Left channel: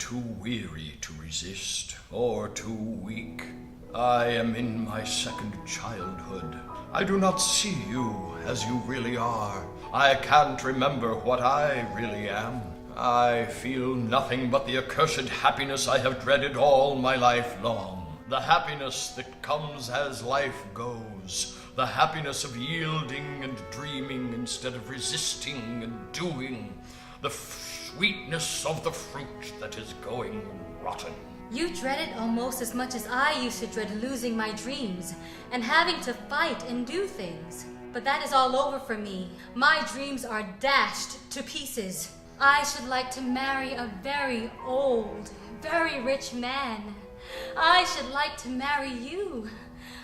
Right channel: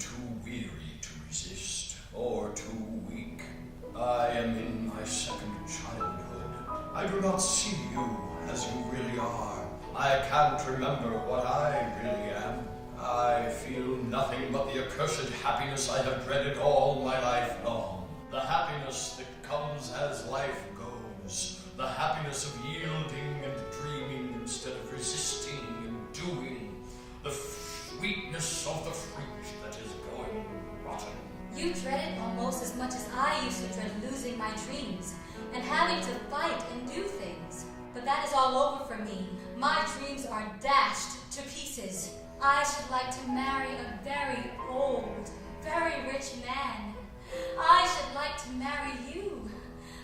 too weary to resist, or too weak. I am in my second childhood. I do not see you as you really are. I can't remember what I really am. I feel nothing but the accursed happiness I have dreaded all my life long. The happiness that comes as life goes. The happiness of yielding and dreaming instead of resisting and doing. The sweetness of the fruit that is going rotten. You dread it almost as much as I used to dread losing my dreams and having to fight and do things. But that is all over for me. My dreams are dashed to pieces. I should like to marry a very old, very rich man. I should like to marry you.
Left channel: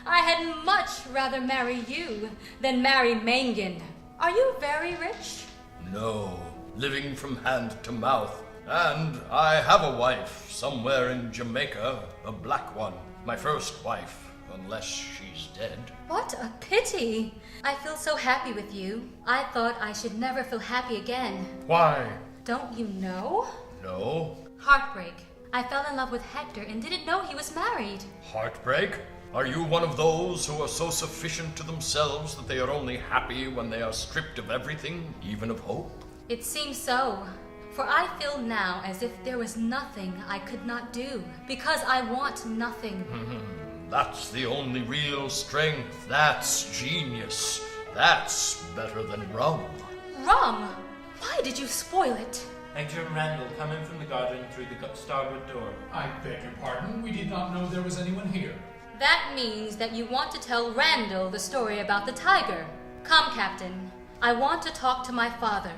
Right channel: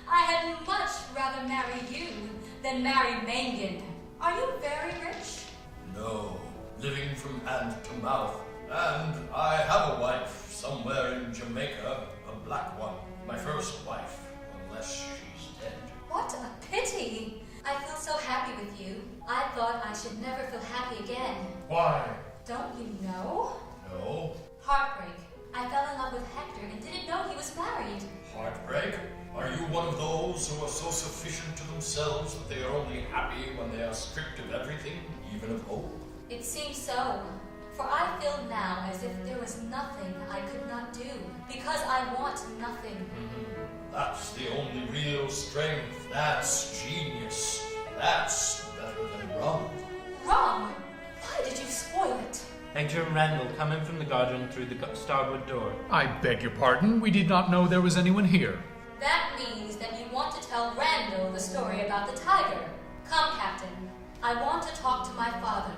I had much rather marry you than marry Mangin. Are you very rich? No, living from hand to mouth. And I have a wife somewhere in Jamaica, a black one. My first wife, unless she's dead. What a pity. I feel so happy with you. I thought I should never feel happy again. Why? Don't you know? No. Heartbreak. I fell in love with Hector and didn't know he was married. Heartbreak? Are you one of those who are so sufficient to themselves that they are only happy when they are stripped of everything, even of hope? It seems so. For I feel now as if there was nothing I could not do, because I want nothing. That's the only real strength. That's genius. That's better than rum. Rum? Why did you spoil it? Hector and Randall come in from the garden through the starboard door. I beg your pardon, we did not know there was anyone here. That means that you want to tell Randall the story about the tiger. Come, Captain. I want to talk to my father,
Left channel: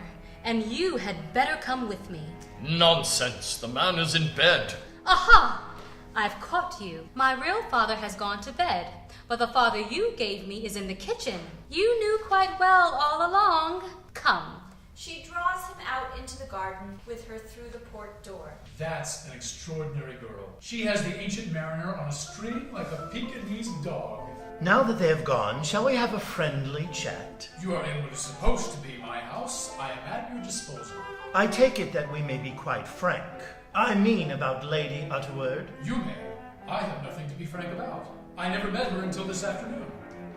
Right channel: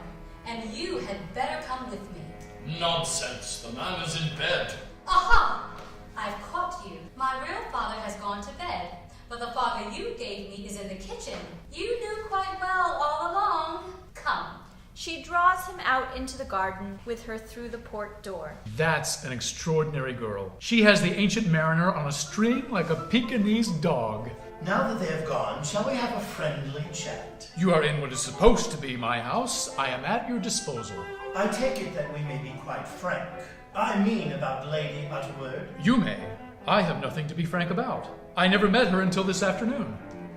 and you had better come with me. Nonsense. The man is in bed. Aha! I've caught you. My real father has gone to bed, but the father you gave me is in the kitchen. You knew quite well all along. Come. She draws him out into the garden with her through the port door. That's an extraordinary girl. She has the ancient mariner on a string like a Pekingese dog. Now that they have gone, shall we have a friendly chat? You are in what is supposed to be my house. I am at your disposal. I take it that we may be quite frank. I mean about Lady Utterword. You may. I have nothing to be frank about. I never met her until this afternoon.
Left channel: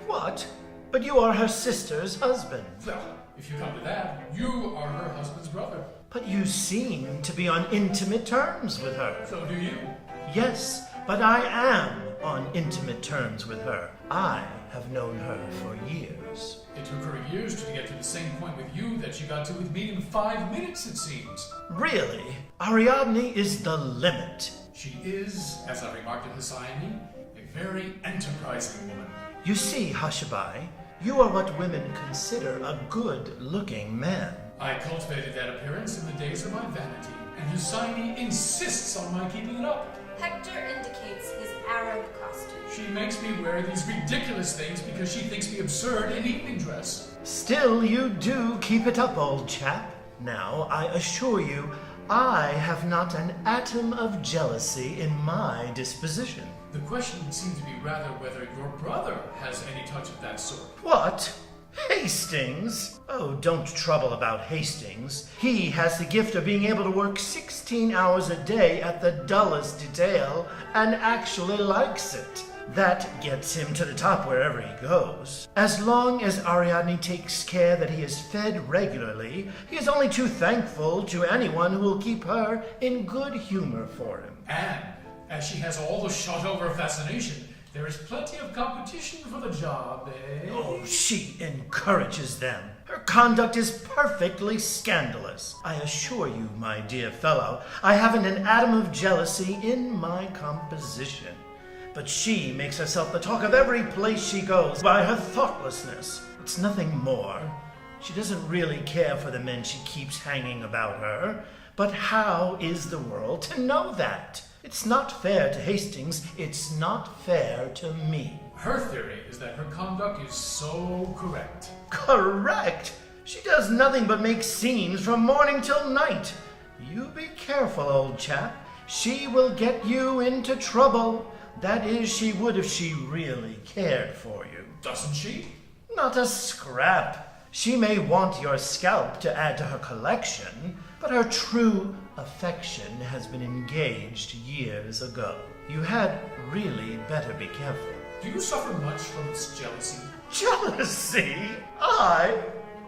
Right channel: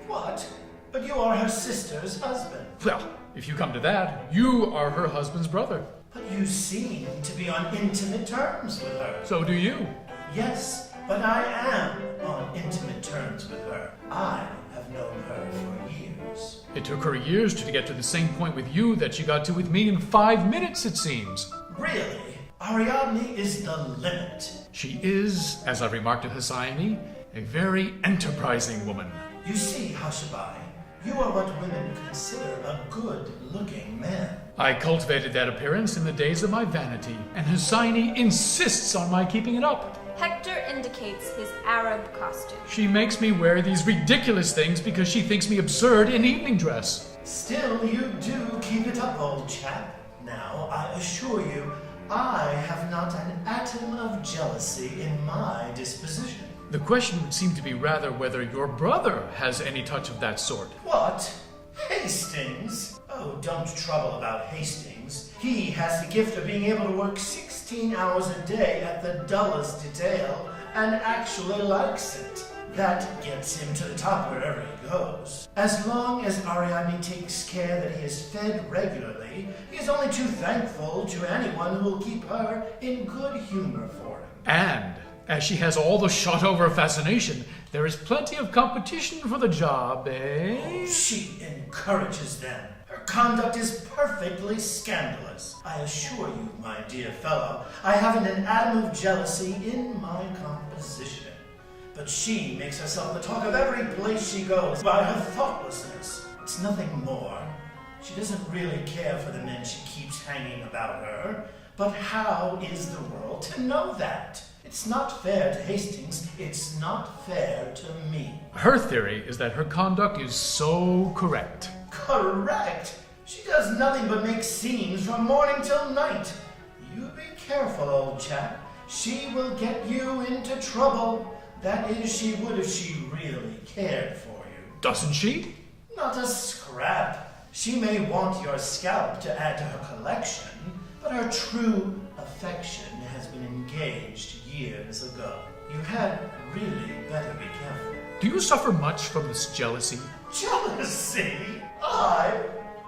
What? But you are her sister's husband. Well, if you come to that, you are her husband's brother. But you seem to be on intimate terms with her. So do you. Yes, but I am on intimate terms with her. I have known her for years. It took her years to get to the same point with you that she got to with me in 5 minutes, it seems. Really? Ariadne is the limit. She is, as I remarked at Hesione, a very enterprising woman. You see, Hushabai, you are what women consider a good-looking man. I cultivated that appearance in the days of my vanity, and Hesione insists on my keeping it up. Hector indicates his Arab costume. She makes me wear these ridiculous things because she thinks me absurd in evening dress. Still, you do keep it up, old chap. Now, I assure you, I have not an atom of jealousy in my disposition. The question would seem to be rather whether your brother has any touch of that sort. What? Hastings? Oh, don't trouble about Hastings. He has the gift of being able to work 16 hours a day at the dullest detail and actually likes it. That gets him to the top wherever he goes. As long as Ariadne takes care that he is fed regularly, he is only too thankful to anyone who will keep her in good humor for him. And as she has all the shot-over fascination, there is plenty of competition for the job, eh? Oh, she encourages them. Her conduct is perfectly scandalous. I assure you, my dear fellow, I haven't an atom of jealousy in my composition. But she makes herself the talk of every place she goes by her thoughtlessness. It's nothing more. She doesn't really care for the men she keeps hanging about her. But how is the world to know that? It's not fair to Hastings. It's not fair to me. Her theory is that her conduct is so correct. Correct? She does nothing but make scenes from morning till night. You be careful, old chap. She will get you into trouble. That is, she would if she really cared for you. Doesn't she? Not a scrap. She may want your scalp to add to her collection, but her true affection has been engaged years ago. You had really better be careful. Do you suffer much from this jealousy? Jealousy? I'm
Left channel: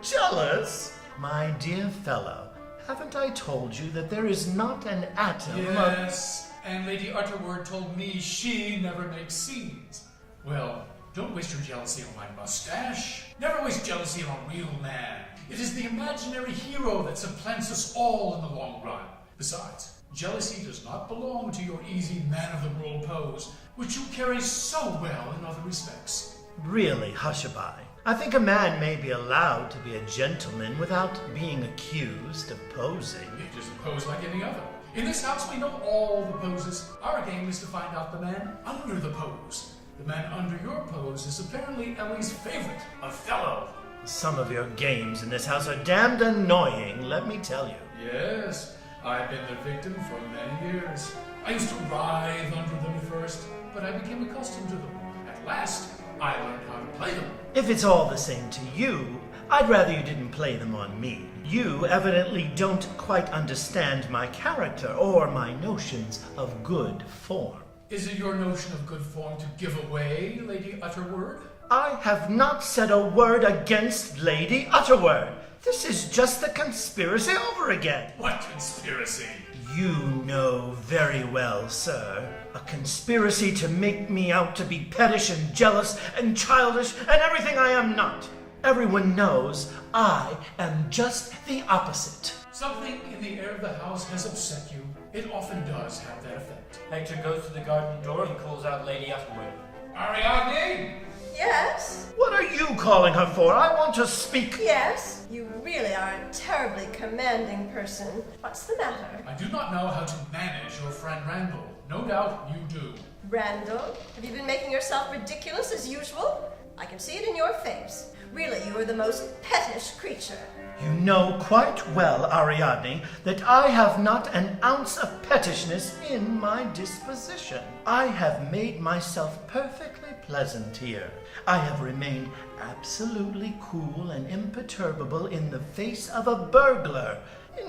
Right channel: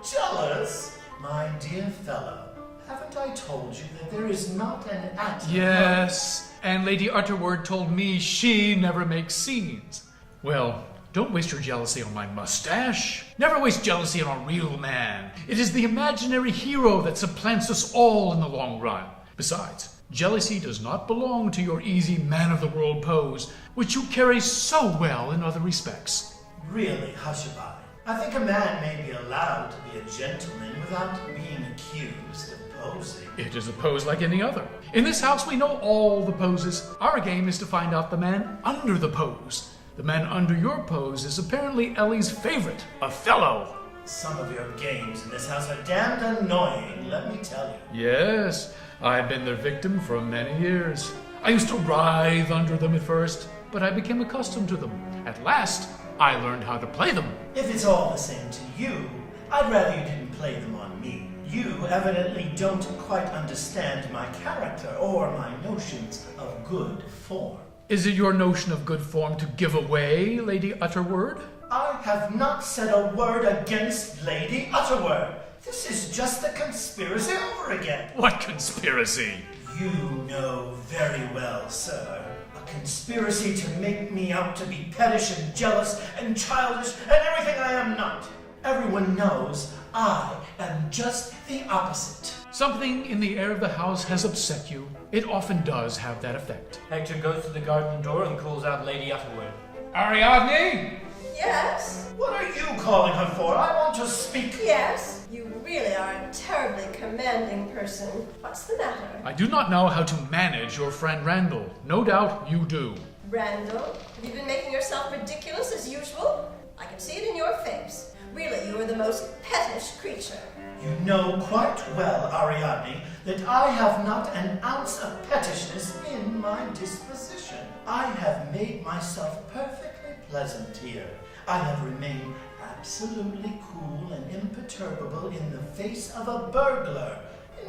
jealous? My dear fellow, haven't I told you that there is not an atom? Yes, and Lady Utterword told me she never makes scenes. Well, don't waste your jealousy on my mustache. Never waste jealousy on a real man. It is the imaginary hero that supplants us all in the long run. Besides, jealousy does not belong to your easy man-of-the-world pose, which you carry so well in other respects. Really, Hushabye, I think a man may be allowed to be a gentleman without being accused of posing. It is a pose like any other. In this house, we know all the poses. Our game is to find out the man under the pose. The man under your pose is apparently Ellie's favorite, Othello. Some of your games in this house are damned annoying, let me tell you. Yes, I've been their victim for many years. I used to writhe under them at first, but I became accustomed to them. At last, I learned how to play them. If it's all the same to you, I'd rather you didn't play them on me. You evidently don't quite understand my character or my notions of good form. Is it your notion of good form to give away Lady Utterword? I have not said a word against Lady Utterword. This is just a conspiracy over again. What conspiracy? You know very well, sir. A conspiracy to make me out to be pettish and jealous and childish and everything I am not. Everyone knows I am just the opposite. Something in the air of the house has upset you. It often does have that effect. Hector goes to the garden door and calls out Lady Utterword. Ariadne! Yes? What are you calling her for? I want to speak. Yes? You really are a terribly commanding person. What's the matter? I do not know how to manage your friend Randall. No doubt you do. Randall, have you been making yourself ridiculous as usual? I can see it in your face. Really, you are the most pettish creature. You know quite well, Ariadne, that I have not an ounce of pettishness in my disposition. I have made myself perfectly pleasant here. I have remained absolutely cool and imperturbable in the face of a burglar.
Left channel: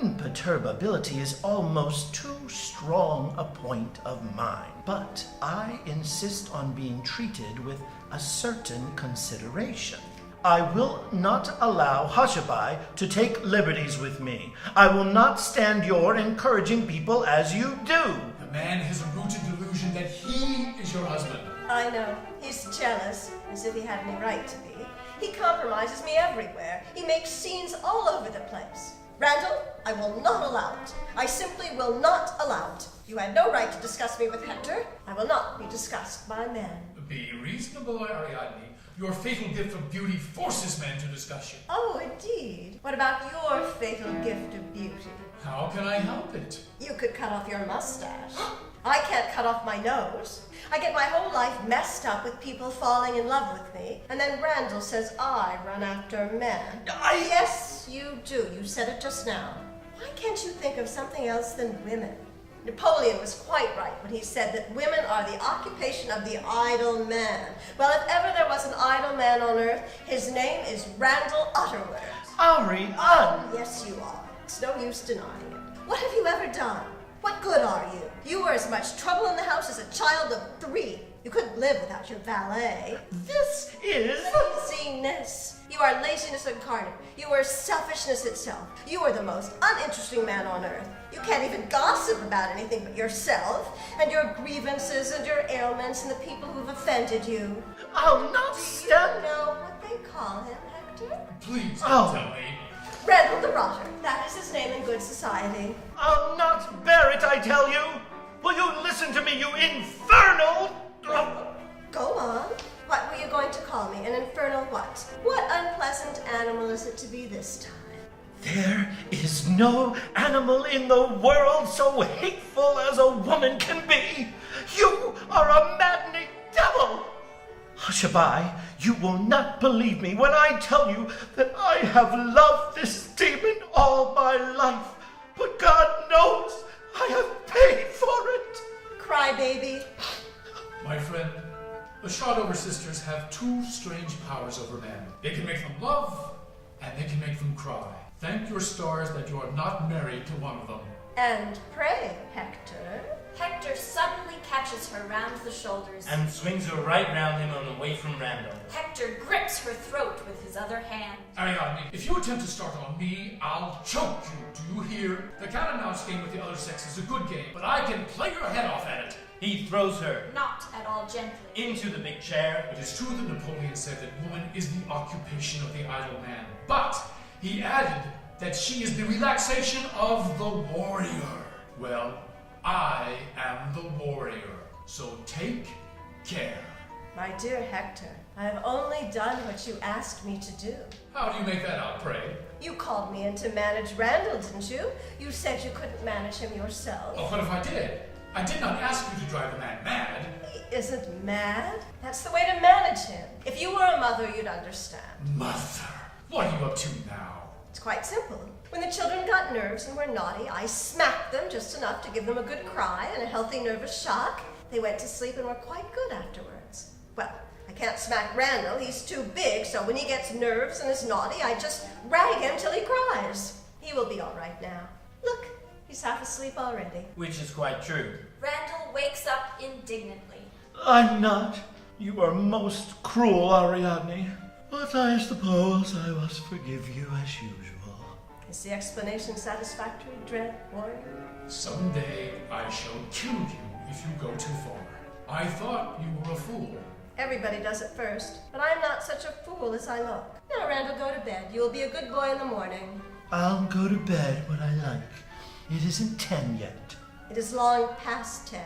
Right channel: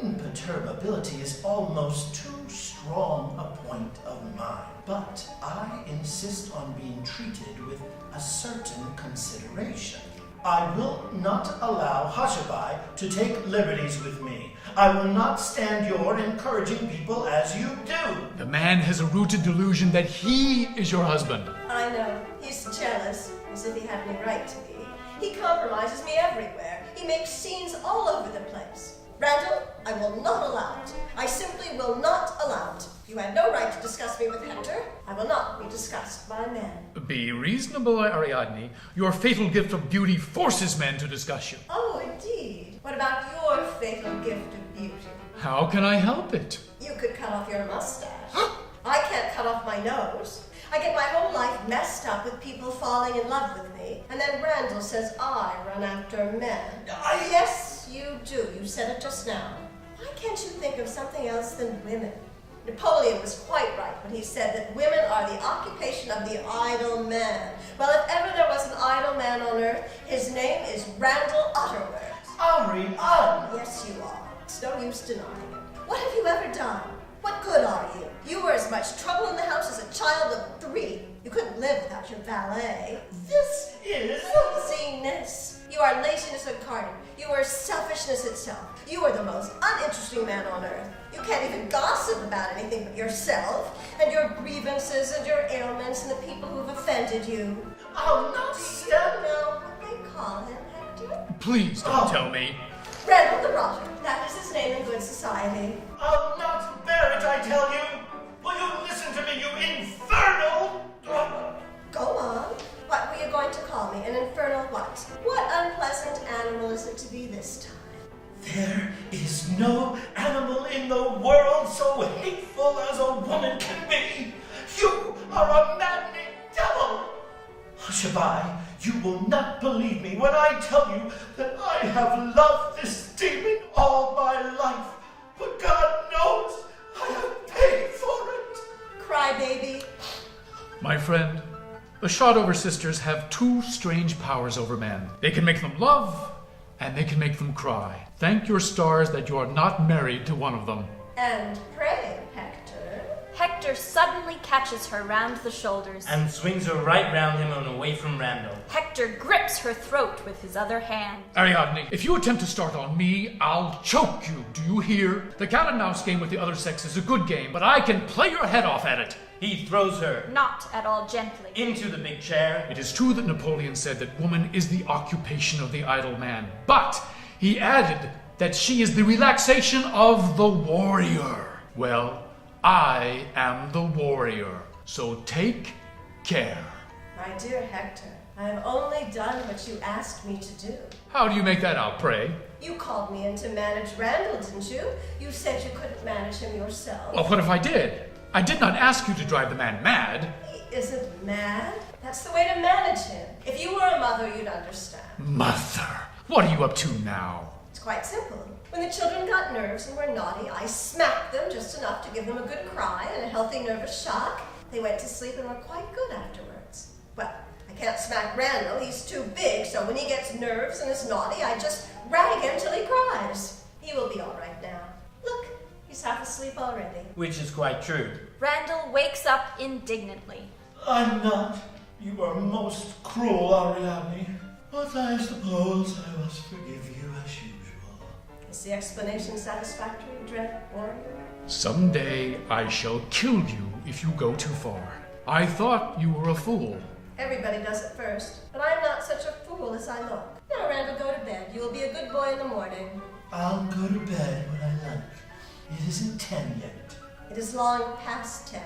Imperturbability is almost too strong a point of mine, but I insist on being treated with a certain consideration. I will not allow Hushabye to take liberties with me. I will not stand your encouraging people as you do. The man has a rooted delusion that he is your husband. I know. He's jealous, as if he had any right to be. He compromises me everywhere. He makes scenes all over the place. Randall, I will not allow it. I simply will not allow it. You had no right to discuss me with Hector. I will not be discussed by men. Be reasonable, Ariadne. Your fatal gift of beauty forces men to discuss you. Oh, indeed. What about your fatal gift of beauty? How can I help it? You could cut off your mustache. I can't cut off my nose. I get my whole life messed up with people falling in love with me, and then Randall says I run after men. Yes, you do. You said it just now. Why can't you think of something else than women? Napoleon was quite right when he said that women are the occupation of the idle man. Well, if ever there was an idle man on earth, his name is Randall Utterword. Ariadne! Yes, you are. It's no use denying it. What have you ever done? What good are you? You were as much trouble in the house as a child of 3. You couldn't live without your valet. This is... Laziness. You are laziness incarnate. You are selfishness itself. You are the most uninteresting man on earth. You can't even gossip about anything but yourself, and your grievances, and your ailments, and the people who have offended you. I'll not Do you stand... know what they call him, Hector? Please don't tell me. Randall the Rotter. That is his name in good society. I'll not bear it, I tell you! Will you listen to me, you infernal... Go on. What were you going to call me? An infernal what? What unpleasant animal is it to be this time? There is no animal in the world so hateful as a woman can be. You are a maddening devil. Hushabye, you will not believe me when I tell you that I have loved this demon all my life. But God knows I have paid for it. Crybaby. My friend, the Shotover sisters have 2 strange powers over men. They can make them love, and they can make them cry. Thank your stars that you are not married to one of them. And pray, Hector. Hector suddenly catches her round the shoulders and swings her right round him and away from Randall. Hector grips her throat with his other hand. Ariadne, if you attempt to start on me, I'll choke you. Do you hear? The cat and mouse game with the other sex is a good game, but I can play your head off at it. He throws her Not at all gently. into the big chair. It is true that Napoleon said that woman is the occupation of the idle man, but he added that she is the relaxation of the warrior. Well, I am the warrior, so take care. My dear Hector, I have only done what you asked me to do. How do you make that out, pray? You called me in to manage Randall, didn't you? You said you couldn't manage him yourself. Well, what if I did? I did not ask you to drive the man mad. He isn't mad. That's the way to manage him. If you were a mother, you'd understand. Mother, what are you up to now? It's quite simple. When the children got nerves and were naughty, I smacked them just enough to give them a good cry and a healthy nervous shock. They went to sleep and were quite good afterwards. Well, I can't smack Randall. He's too big, so when he gets nerves and is naughty, I just rag him till he cries. He will be all right now. Look, he's half asleep already. Which is quite true. Randall wakes up indignantly. I'm not. You are most cruel, Ariadne. But I suppose I must forgive you as usual. Is the explanation satisfactory, dread warrior? Someday I shall kill you if you go too far. I thought you were a fool. Everybody does it first, but I'm not such a fool as I look. Now, Randall, go to bed. You will be a good boy in the morning. I'll go to bed when I like. It isn't 10 yet. It is long past 10.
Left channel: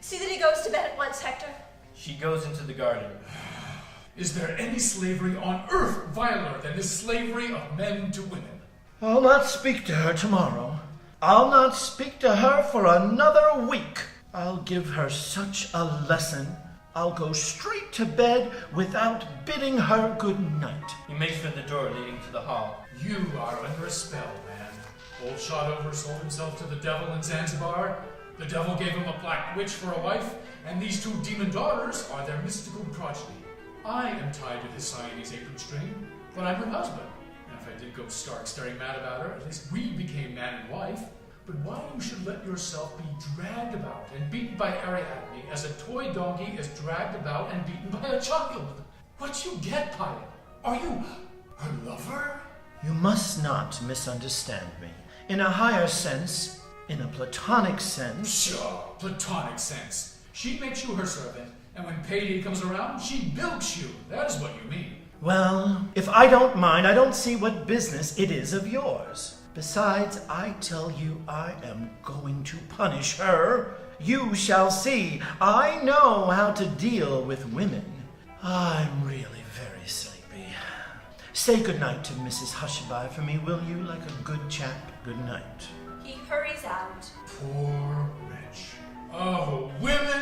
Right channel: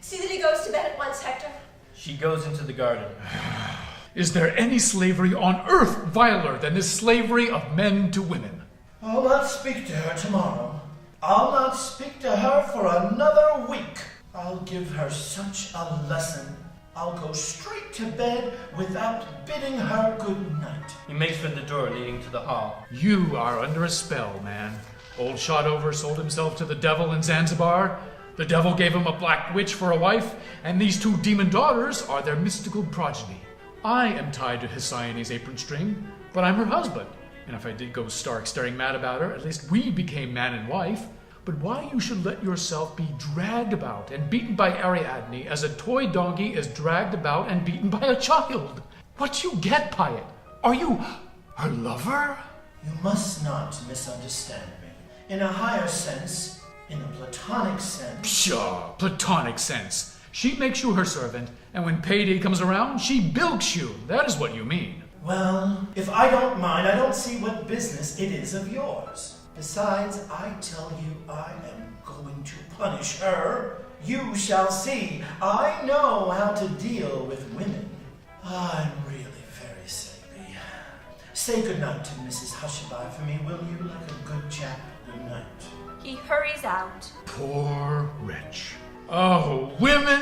See that he goes to bed at once, Hector. She goes into the garden. Is there any slavery on earth viler than this slavery of men to women? I'll not speak to her tomorrow. I'll not speak to her for another week. I'll give her such a lesson. I'll go straight to bed without bidding her good night. He makes for the door leading to the hall. You are under a spell, man. Old Shotover sold himself to the devil in Zanzibar. The devil gave him a black witch for a wife, and these two demon daughters are their mystical progeny. I am tied to Hesiane's apron string, but I'm her husband. And if I did go stark staring mad about her, at least we became man and wife. But why you should let yourself be dragged about and beaten by Ariadne as a toy donkey is dragged about and beaten by a child? What do you get by it? Are you her lover? You must not misunderstand me. In a higher sense, in a platonic sense. Pshaw, platonic sense. She makes you her servant, and when payday comes around, she bilks you. That is what you mean. Well, if I don't mind, I don't see what business it is of yours. Besides, I tell you, I am going to punish her. You shall see. I know how to deal with women. I'm really very sleepy. Say good night to Mrs. Hushabye for me, will you, like a good chap? Good night. He hurries out. Poor wretch. Oh, women,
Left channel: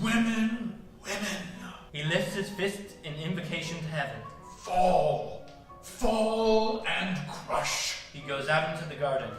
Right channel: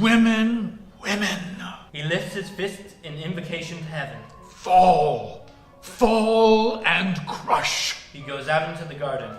women, women. He lifts his fist in invocation to heaven. Fall, fall and crush. He goes out into the garden.